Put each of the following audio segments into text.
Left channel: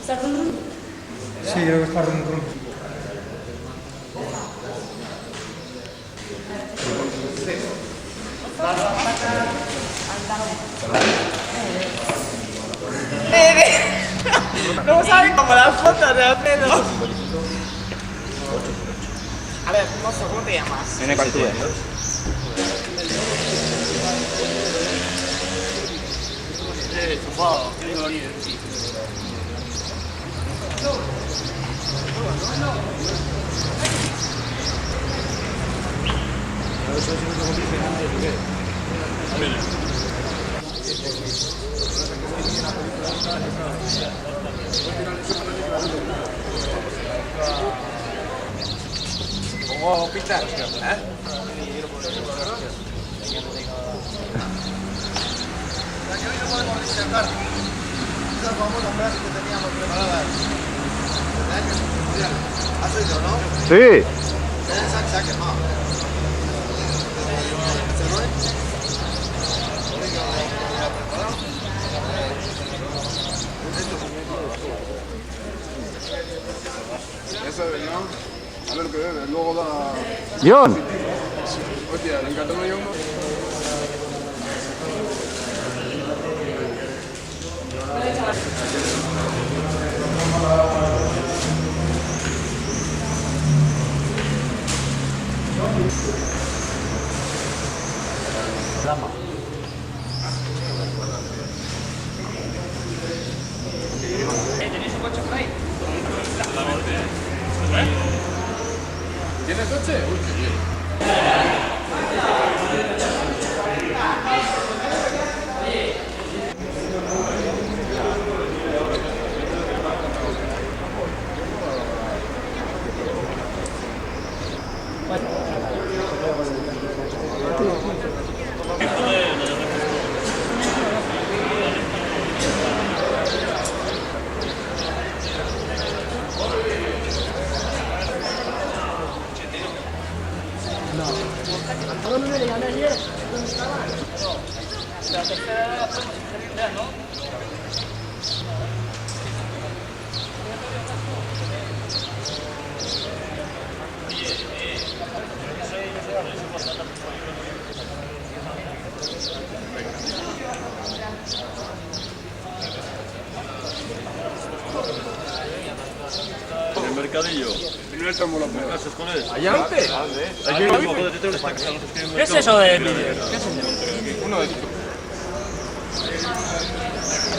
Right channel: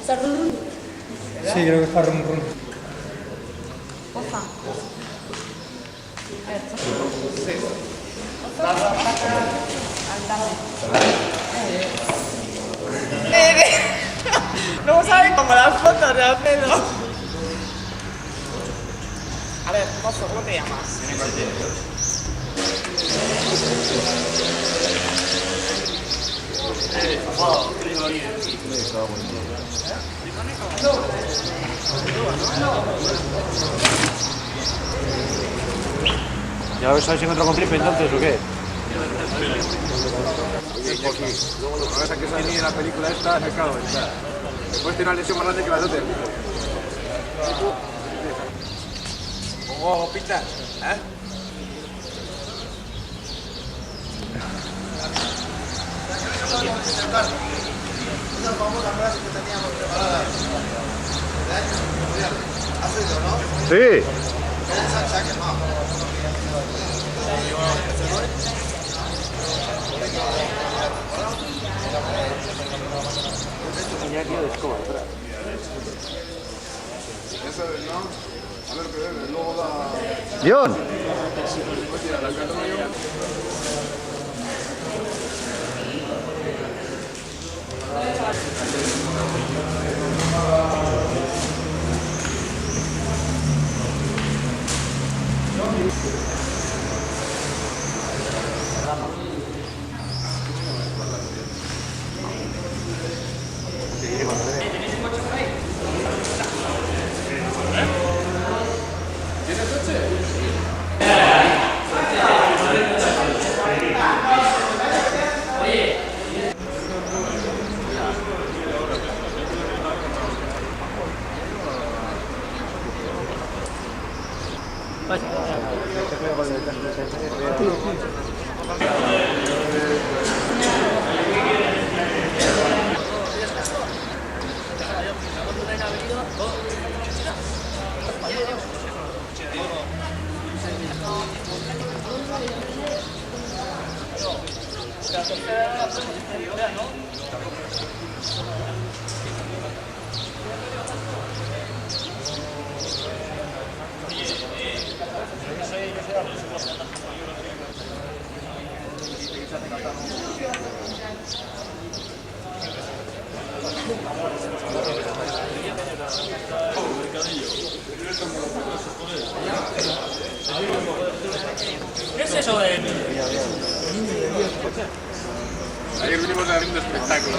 ¿Está run run? Sí, creo que está run run. No saben como las fotos de Alfredo. A ver, mozo, ¿cómo te llamas? ¿Ya ves si me encuentro con Tripe entonces o qué? La película esta, claro, pues tiene una lesión más grande que la otra. Pongo pistas, ¿eh? Que hoy no podemos disertar esas famosas frases que teníamos preparadas desde años inmemoriales. ¿Has oído, no? Sí. Se ha quemado. Eso es, ¿no? A ver qué bebe, luego da... John. Hostia, la encantó yo. ¿Tenéis un coche por ahí? ¿Tienes coche? La tercera la podemos hacer ya, ¿no? El mercadillo. No estamos los buenos. ¿Allá antes? ¿Qué es eso de vídeo? Ayer vinimos a ver un espectáculo.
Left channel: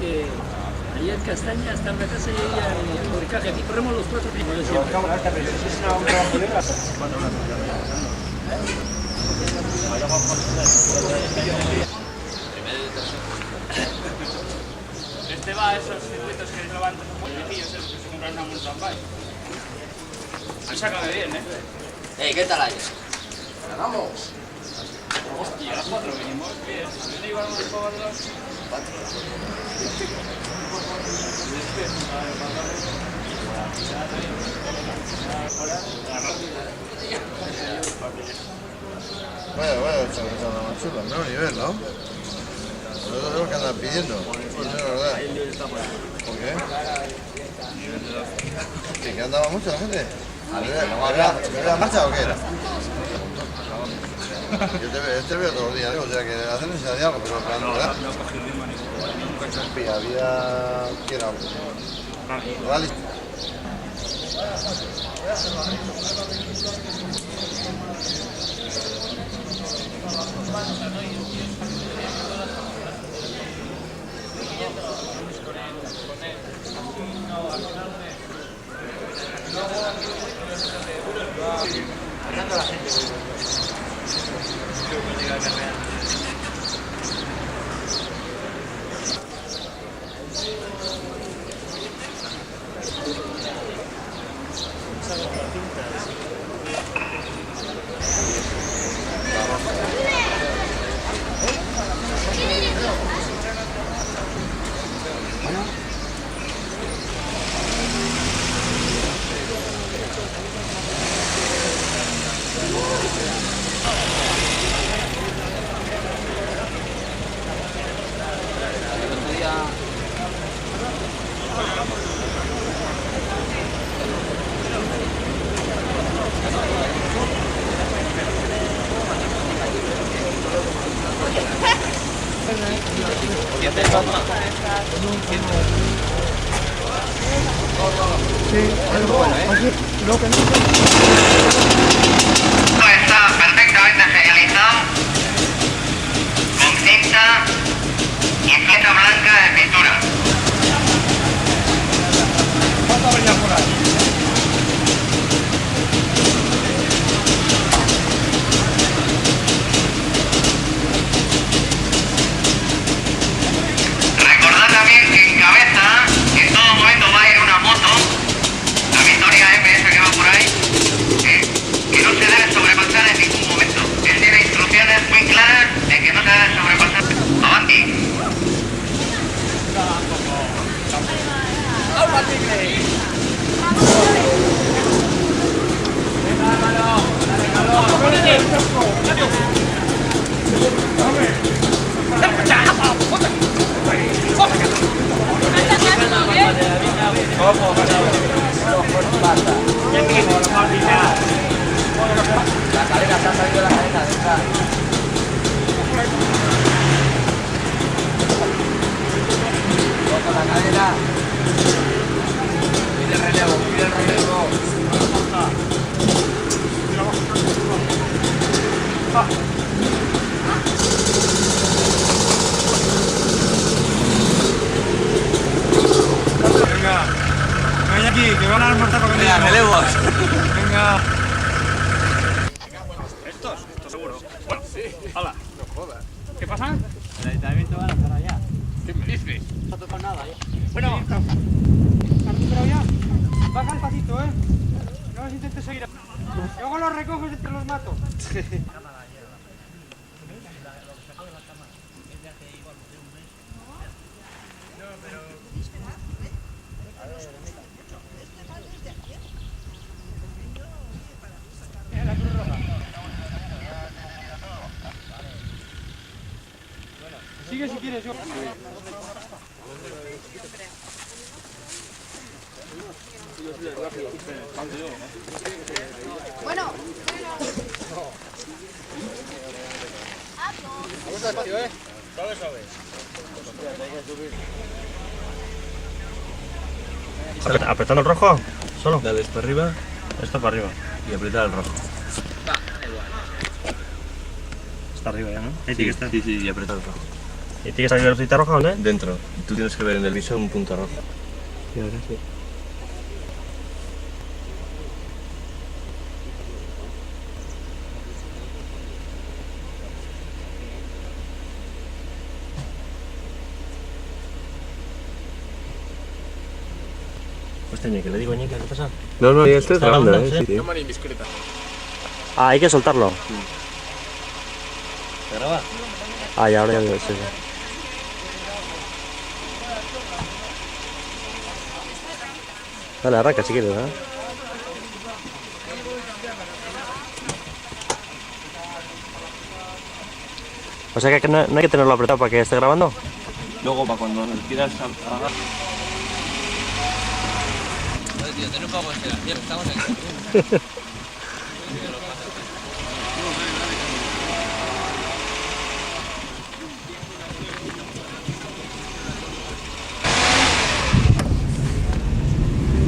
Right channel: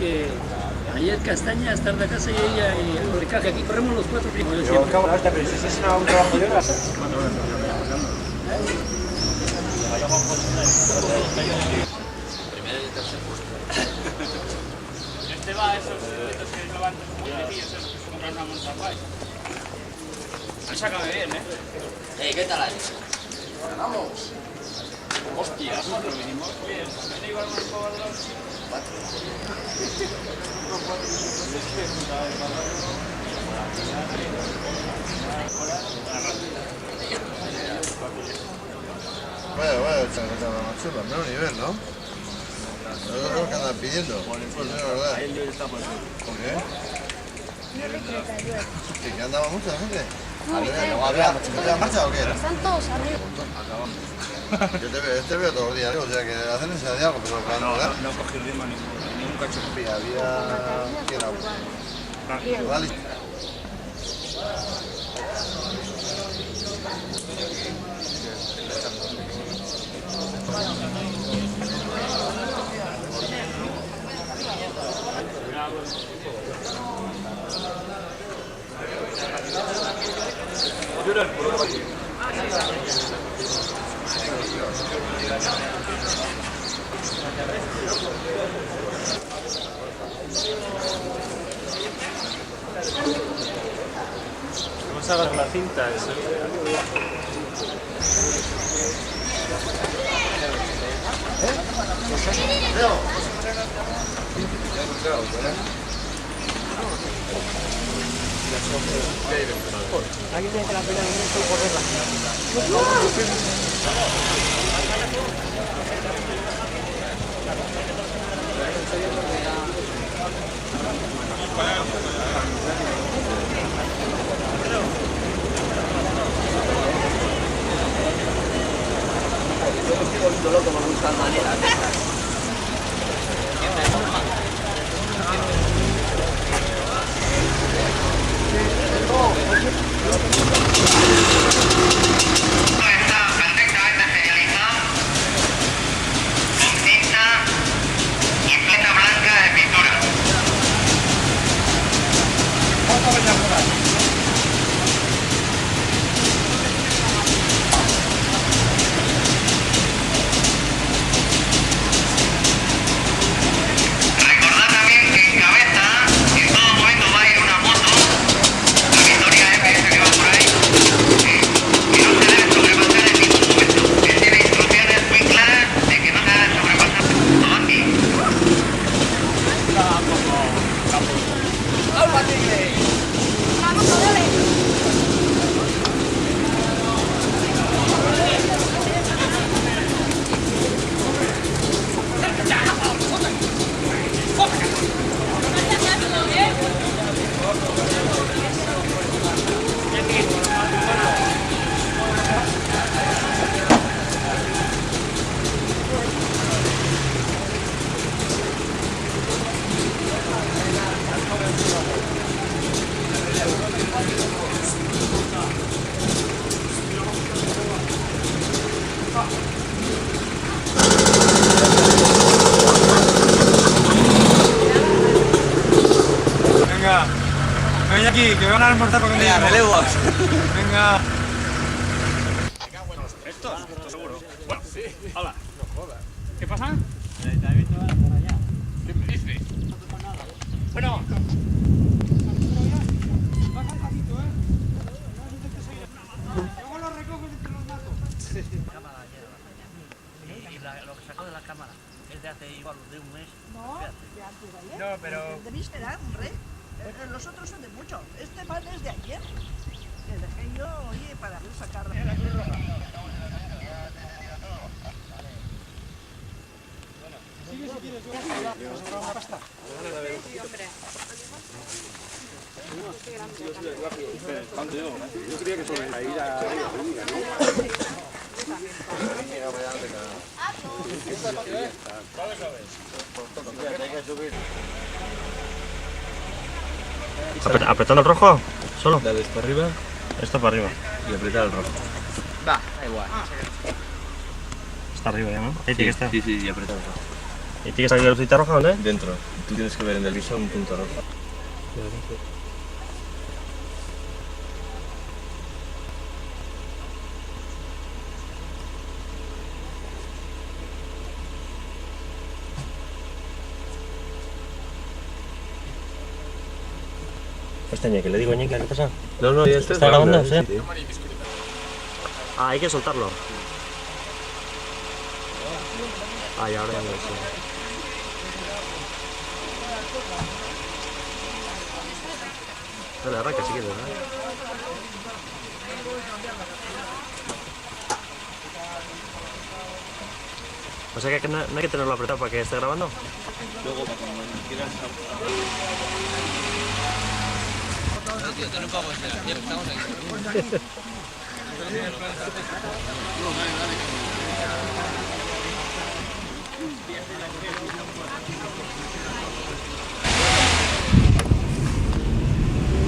Que ayer Castaña está en la casa y ella y el Ricaje. Aquí corremos los cuatro primos. Yo siempre. Pero si es un trabajo de horas. Este va a esos circuitos que levantan muy viejillos, esos que se compran una mountain bike. Han sacado bien, ¿eh? ¿Qué tal ahí? ¡Ganamos! Hostia, a 4 vinimos bien. ¿Ven igual más para los... Vaya, chaval, más chula, menos nivel, ¿no? Nosotros tenemos que andar pidiendo. Pues es verdad. ¿Por qué? ¿Sí, que andaba mucha la gente? ¿Había marcha o qué era? Yo te veo todos los días, o sea que hacen ese de algo, pero No cogí ritmo ningún cacho. había... ¿Quién era? Rally. Está perfectamente señalizado con cinta y cinta blanca de pintura. Recordad también que en cabeza en todo momento va a ir una moto, la Victoria MS que va por ahí, que no se debe sobrepasar en ningún momento. Él tiene instrucciones muy claras de que no se debe sobrepasar. Avanti. Venga, ven aquí, que van a almorzar para que me relevos. Venga. Esto seguro. Bueno, sí. Hola. No jodas. ¿Qué pasa? El ayuntamiento va a hacer allá. ¿Qué me dices? No tocó nada, ¿eh? Bueno, ¿Has recuperado ya? Baja el pasito, ¿eh? No os intentes seguir. Luego los recoges entre los matos. Cámara lleva. Y lo que sacó de la cámara es de hace igual de un mes. No, pero... Deberéis esperar, hombre. Los otros son de mucho. Este pan es de ayer. El dejé yo, oye, para sacar... La Cruz Roja. Sigue si quieres, yo... Pasta. Sí, hombre. Bueno. ¿Apretando el rojo? ¿Solo? Dale para arriba Esto para arriba. y apretar el rojo. Va, igual. Está arriba ya, ¿no? Ahí Sí, tiene que estar. sí, y apretar el rojo. ¿Y tiene que salir la lucita roja, ¿no? Dentro. Tú tienes que ver en el visor un punto rojo. Hostia, Ñeque, le digo Ñeque, ¿qué pasa? No, ya estás ¿Está grabando? grabando, Sí. sí. Ah, hay que soltarlo. Ah, ya, ahora ya lo sé. Dale, arranca si quieres, ¿eh? O sea que no hay que tenerlo apretado para que esté grabando. Luego, para cuando quieras... Tío, ten un poco de esperación, estamos aquí.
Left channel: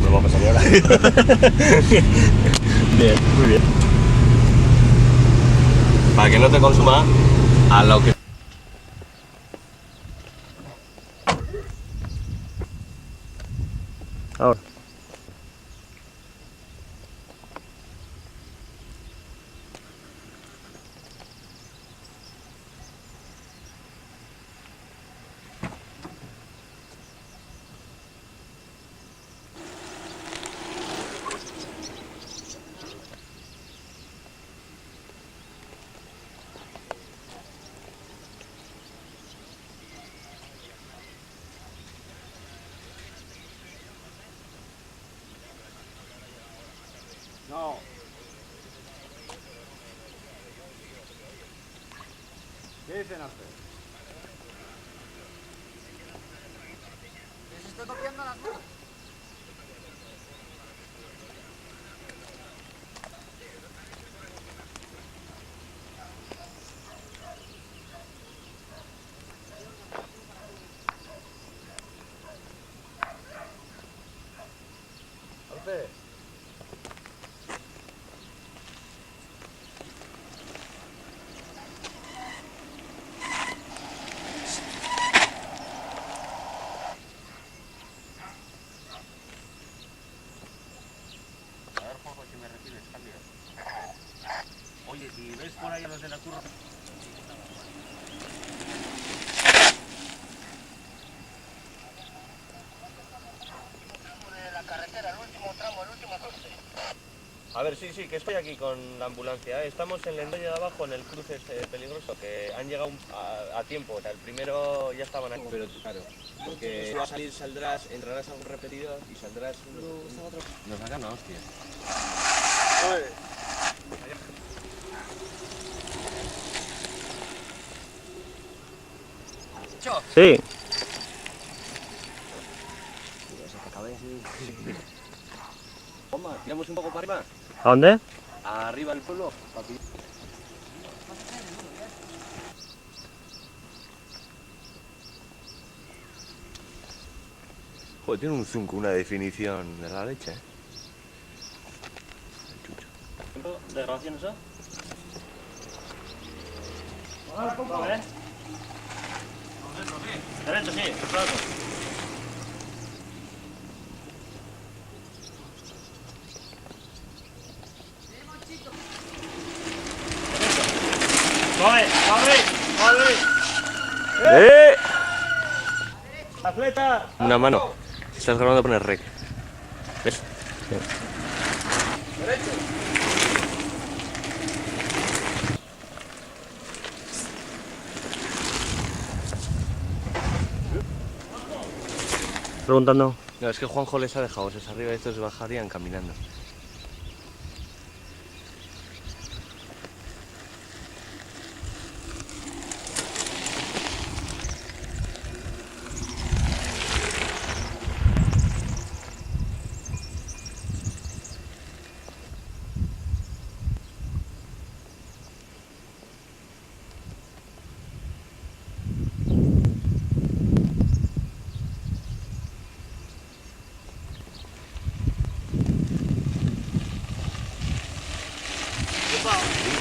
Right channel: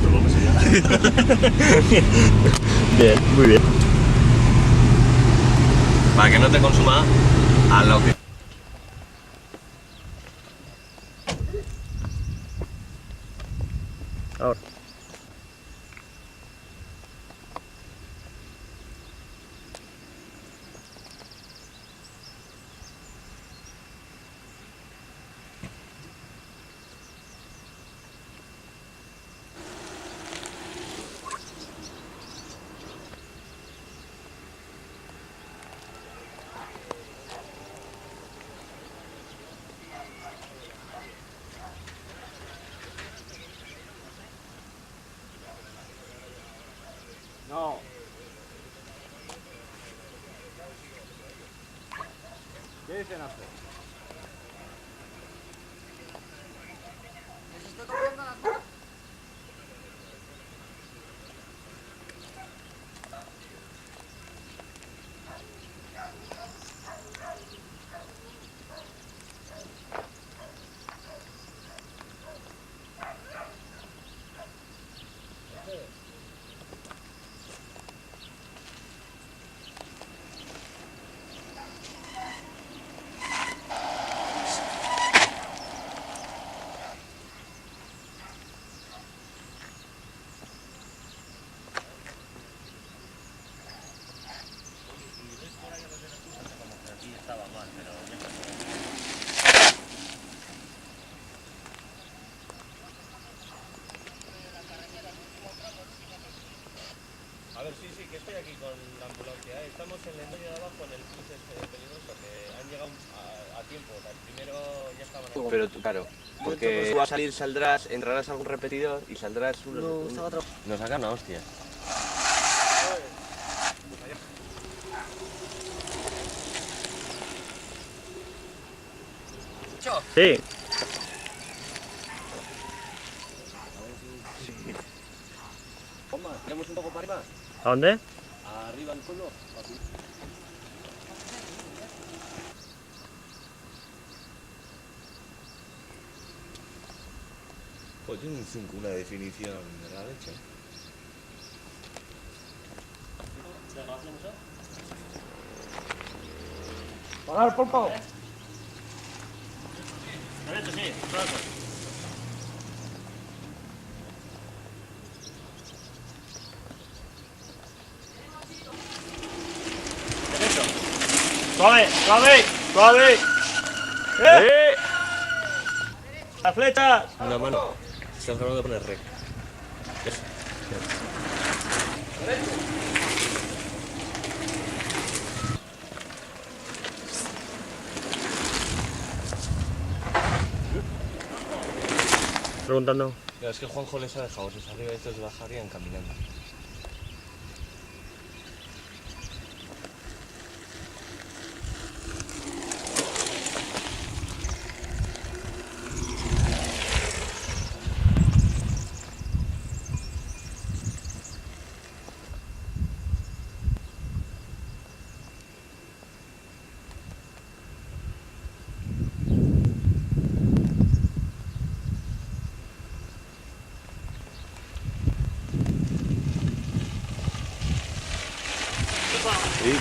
Pues vamos allá ahora. Bien, muy bien. Para que no te consuma a lo que... Ahora. ¿Qué dicen hacer? Les estoy copiando las motos. Oye, si ves por ahí a los de la curva, como que aquí estaba mal, A ver, sí, que estoy aquí con la ambulancia. Estamos en el medio de abajo, en el cruce peligroso, que han llegado a tiempo. O sea, el primero ya estaban aquí. Pero claro, porque tú vas a salir, saldrás, entrarás a algún repetidor y saldrás Nos sacan una hostia. Sí. Toma, tiramos un poco para arriba. ¿A dónde? Arriba al pueblo, papi. Pues tiene un zoom con una definición de la leche, ¿eh? ¿De grabación eso? Pagar, por favor. Derecho, sí, claro. ¡Suave, suave, suave! ¡La flecha! Una mano. Si estás grabando, poner rec. ¿Ves? Preguntando. No, es que Juanjo les ha dejado esos arriba y estos bajarían caminando. Sí.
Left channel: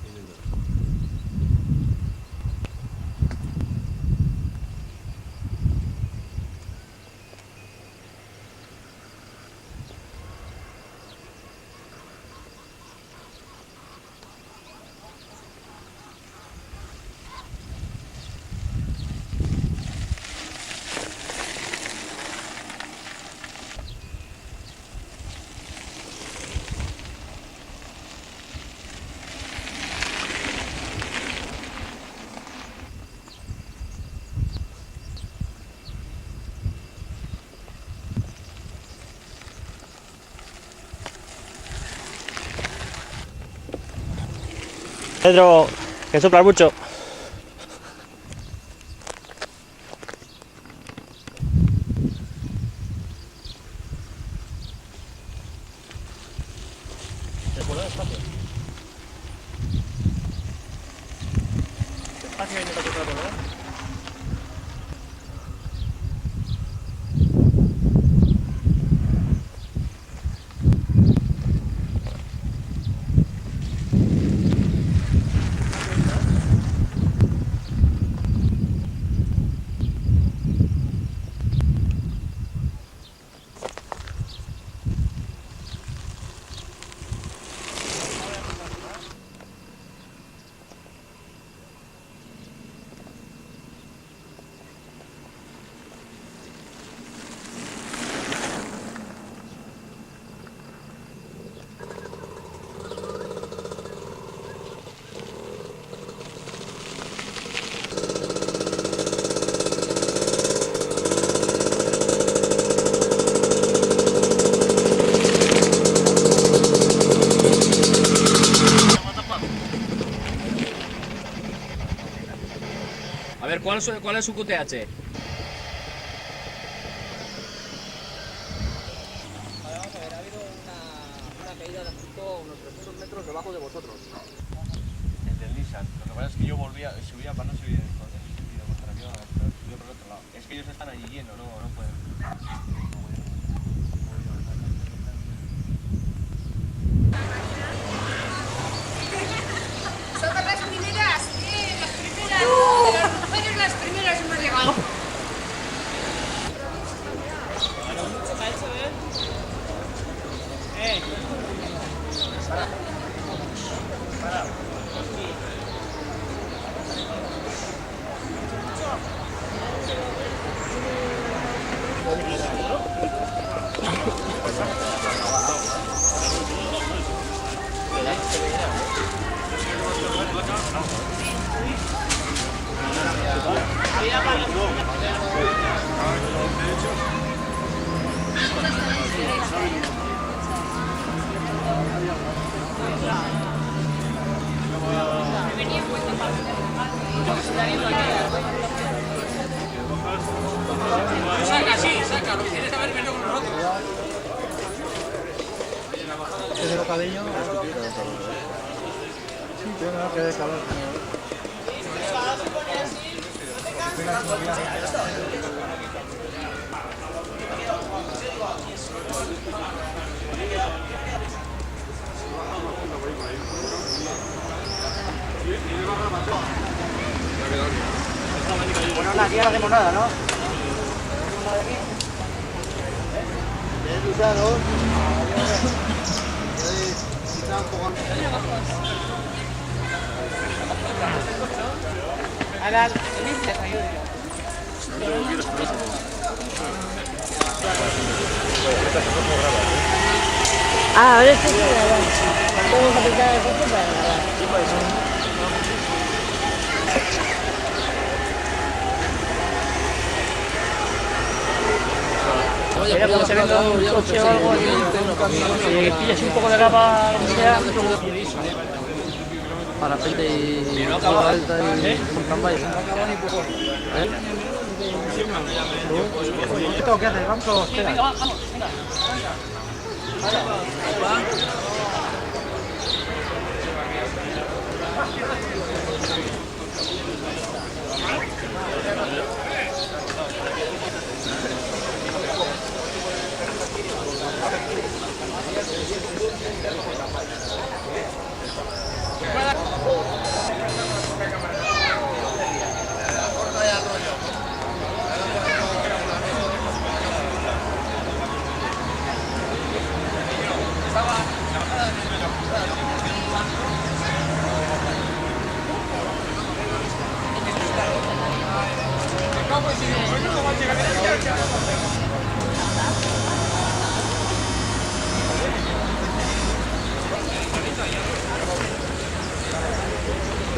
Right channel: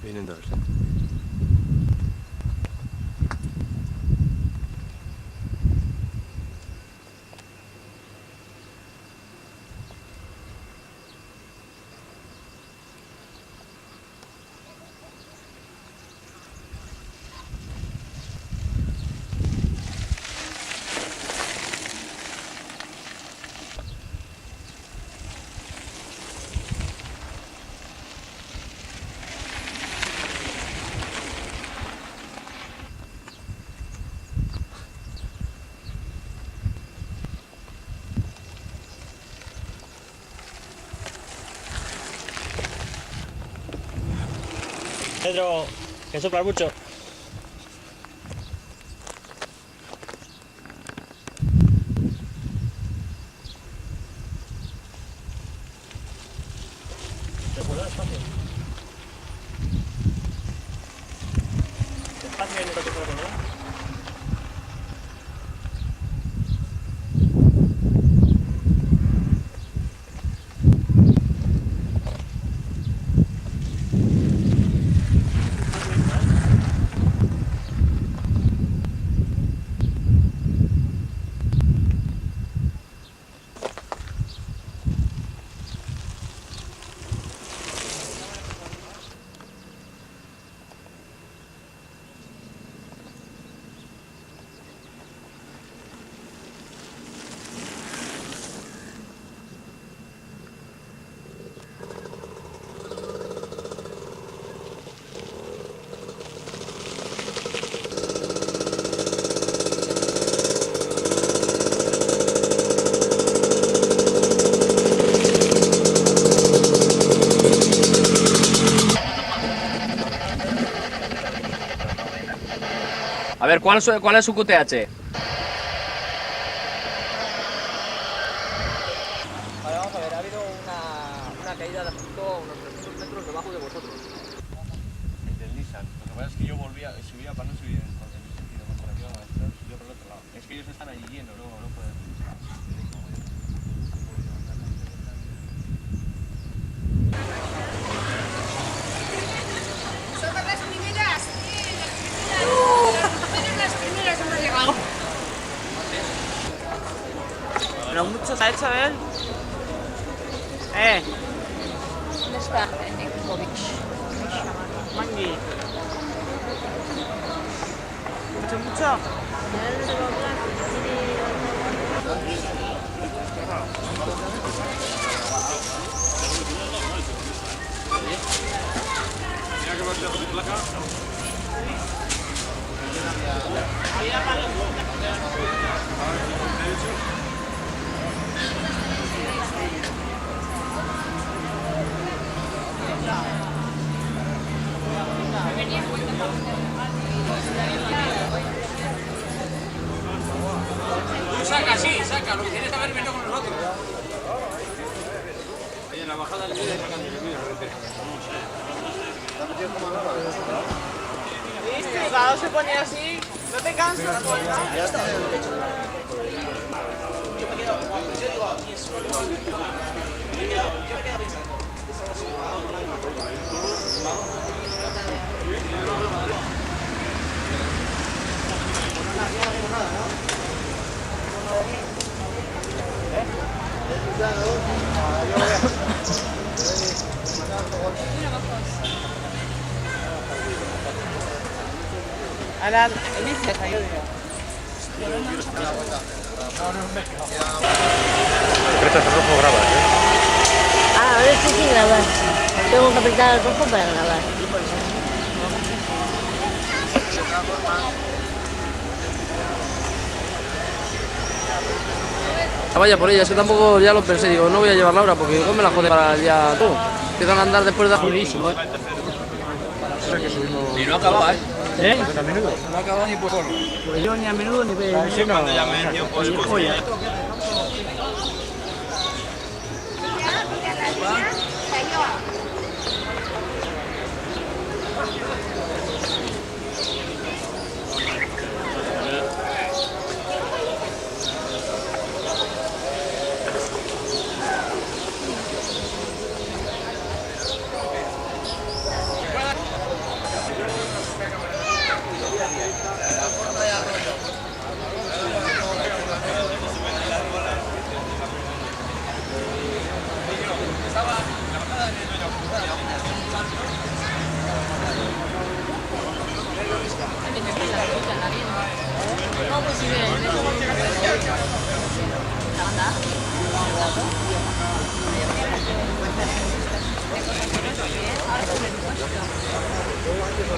Vienen todos, ¿no? Pedro, que soplar mucho. A ver, ¿cuál es su QTH? Vale, vamos a ver, ha habido una caída de justo a unos 300 metros debajo de vosotros. El del Nissan. Lo que pasa es que yo subía para no subir en sentido contrario, subía por el otro lado. Es que ellos están allí llenos, no pueden. Somos las primeras, las primeras hemos llegado. Pero mucho se ha hecho de él. ¿Dónde está? Mucho. Saca, sí, saca, lo que tienes que haber venido con nosotros. Oye, la bajada del Estribado se pone así, no te cansas. Bueno, nada, aquí no hacemos nada, ¿no? Ahora, Elisa, ayuda. Ah, ahora sí que grabar. Tengo que apretar el cojo para grabar. Vaya por ella, si tampoco ya lo pensé, digo, no voy a llevar la hora porque no me la pone para ya. Te van a andar después de juicio, Y no acaba, ¿eh? No acaba ni por forma. Yo ni a menudo ni de. Cuando llame el tío, pues. Oye, ¿esto qué haces? Vamos a esperar.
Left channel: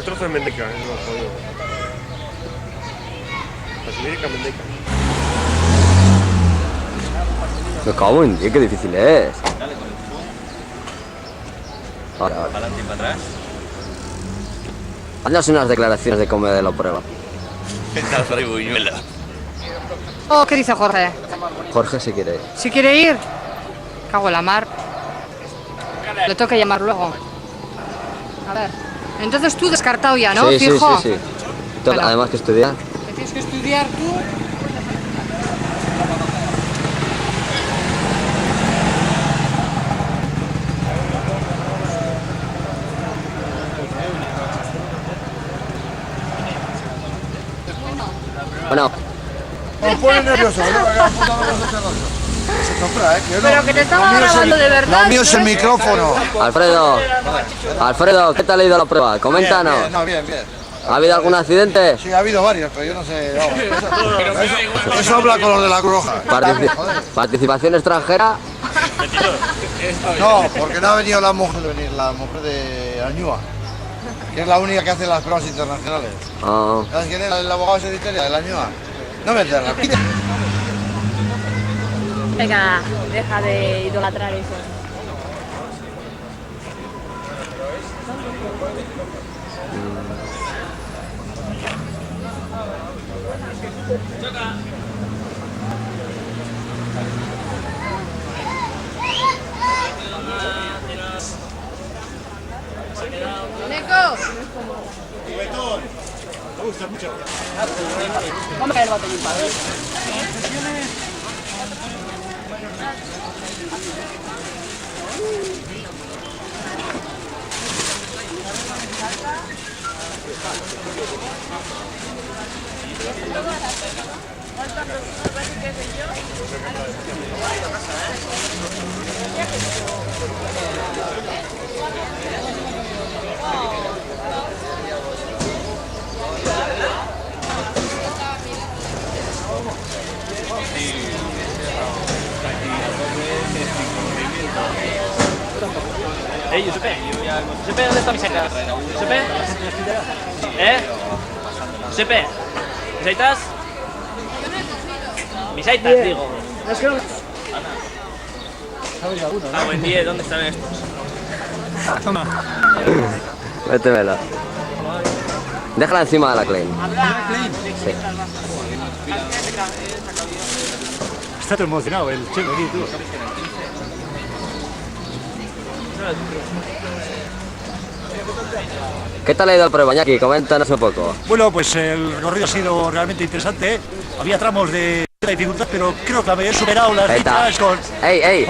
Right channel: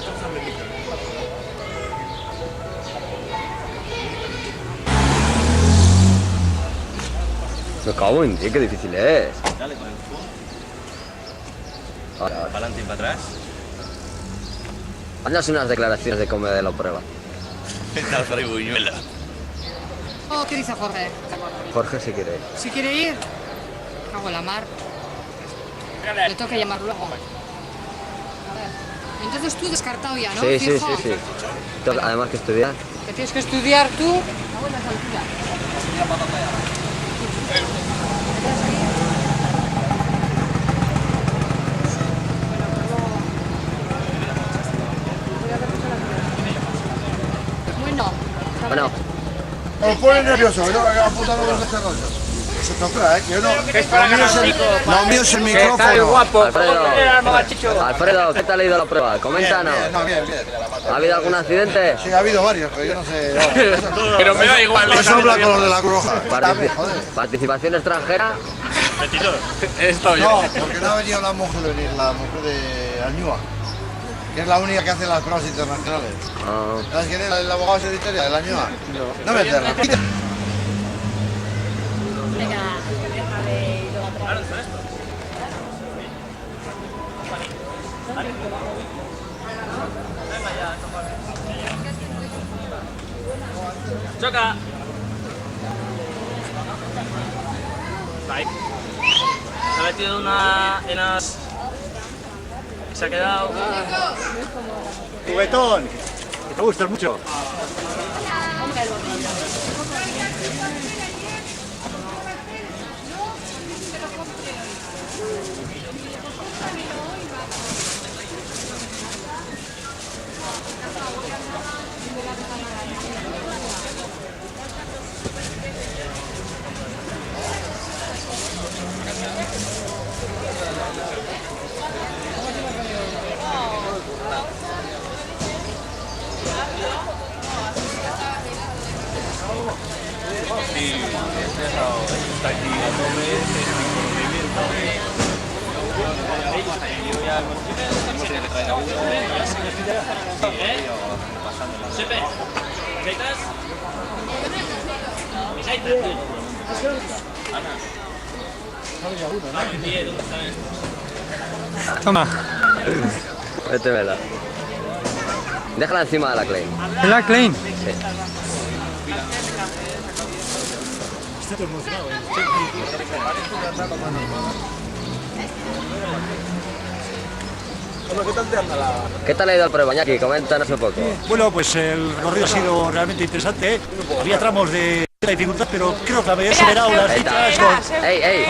Trozo de mendica, Me cago en ti, qué difícil es. Dale con el zoom. Ahora, Para adelante y para atrás. haznos unas declaraciones de cómo de la prueba. Está frío, buñuela. Oh, ¿qué dice Jorge? Jorge si quiere ir. ¿Si quiere ir? Cago en la mar. Lo tengo que llamar luego. A ver. Entonces tú descartado ya, ¿no? Sí, sí, Fijo. sí, sí. Además que estudiar. Que tienes que estudiar tú. Bueno. Os pone nervioso, ¿no? Que apuntando los dos rollos. Se compra, que yo no. Lo mío es el micrófono. Alfredo, ¿qué tal ha ido la prueba? Coméntanos. Bien. ¿Ha habido algún accidente? Sí, ha habido varios, pero yo no sé. Pero me da igual. Eso habla con los de la Cruz Roja. ¿Participación extranjera? No, porque no ha venido la mujer de Añúa, que es la única que hace las pruebas internacionales. ¿Sabes quién es? El abogado de Italia, de Añúa. No me enterras. Venga, deja de idolatrar eso. Choca. Ahí. Ha metido unas... Se ha quedado... Juguetón. Me gusta mucho. Vamos a caer el botellín. Sepe, ¿dónde está mi seca? ¿Eh? Sepe, ¿mis aitas? Mis aitas, digo. Ana. Buen día, ¿dónde están estos? Toma. Métemela. Déjala encima de la Klein. ¿La Klein? Sí. Está todo emocionado el chico. ¿Qué tal ha ido el prueba, Iñaki? Coméntanos un poco. Bueno, pues el recorrido ha sido realmente interesante. Había tramos de dificultad, pero creo que había superado las dichas con... ¡Ey!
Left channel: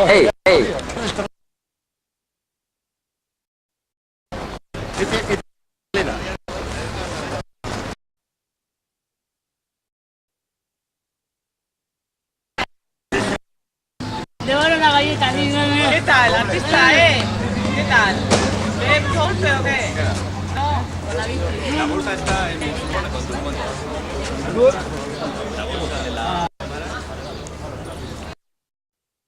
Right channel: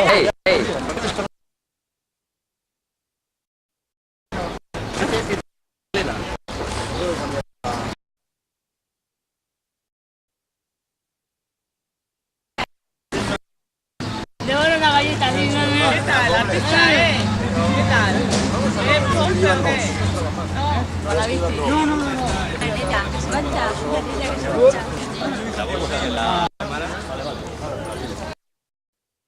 Devora una galleta, ¿qué tal? La pista, ¿qué tal? ¿Ponce o qué? No, con la bici. La bolsa está en...